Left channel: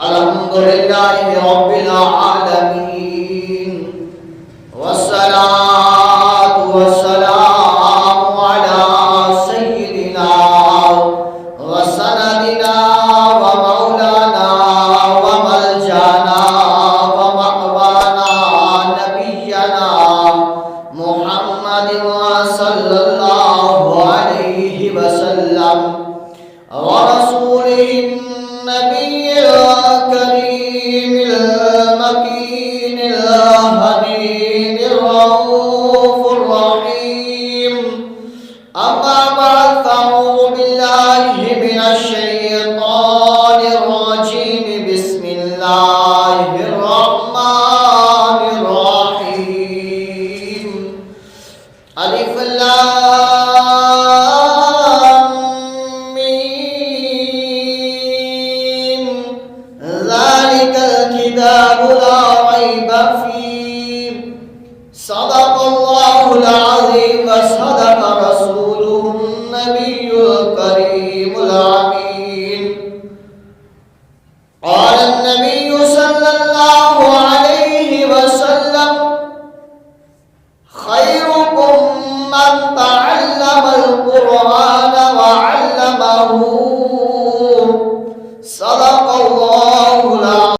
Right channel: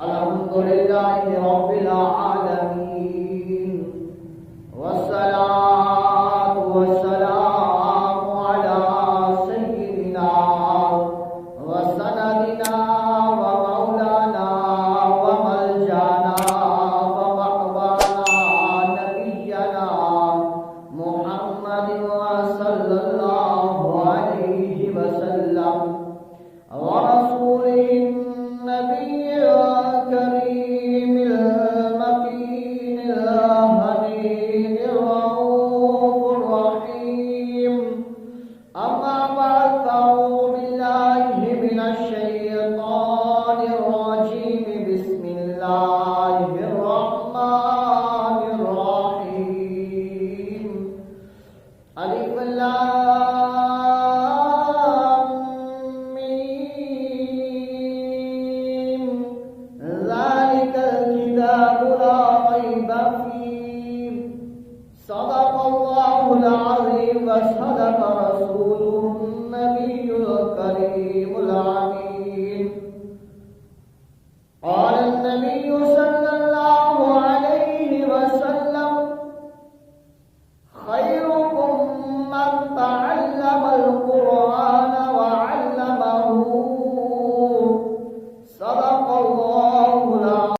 الحمد لله رب العالمين والصلاة والسلام على سيدنا وسندنا ومولانا وملجانا ومأوانا نبينا محمد صلى الله عليه وسلم ورسوله النبي الكريم المكين الهدي الرؤوف الرحيم. أما بعد فأعوذ بالله من الشيطان الرجيم. بسم الله الرحمن الرحيم. ألف لام ميم ذلك الكتاب لا ريب فيه صدق الله العظيم وصدق رسوله النبي الكريم الأمين. قال النبي صلى الله عليه وسلم خيركم من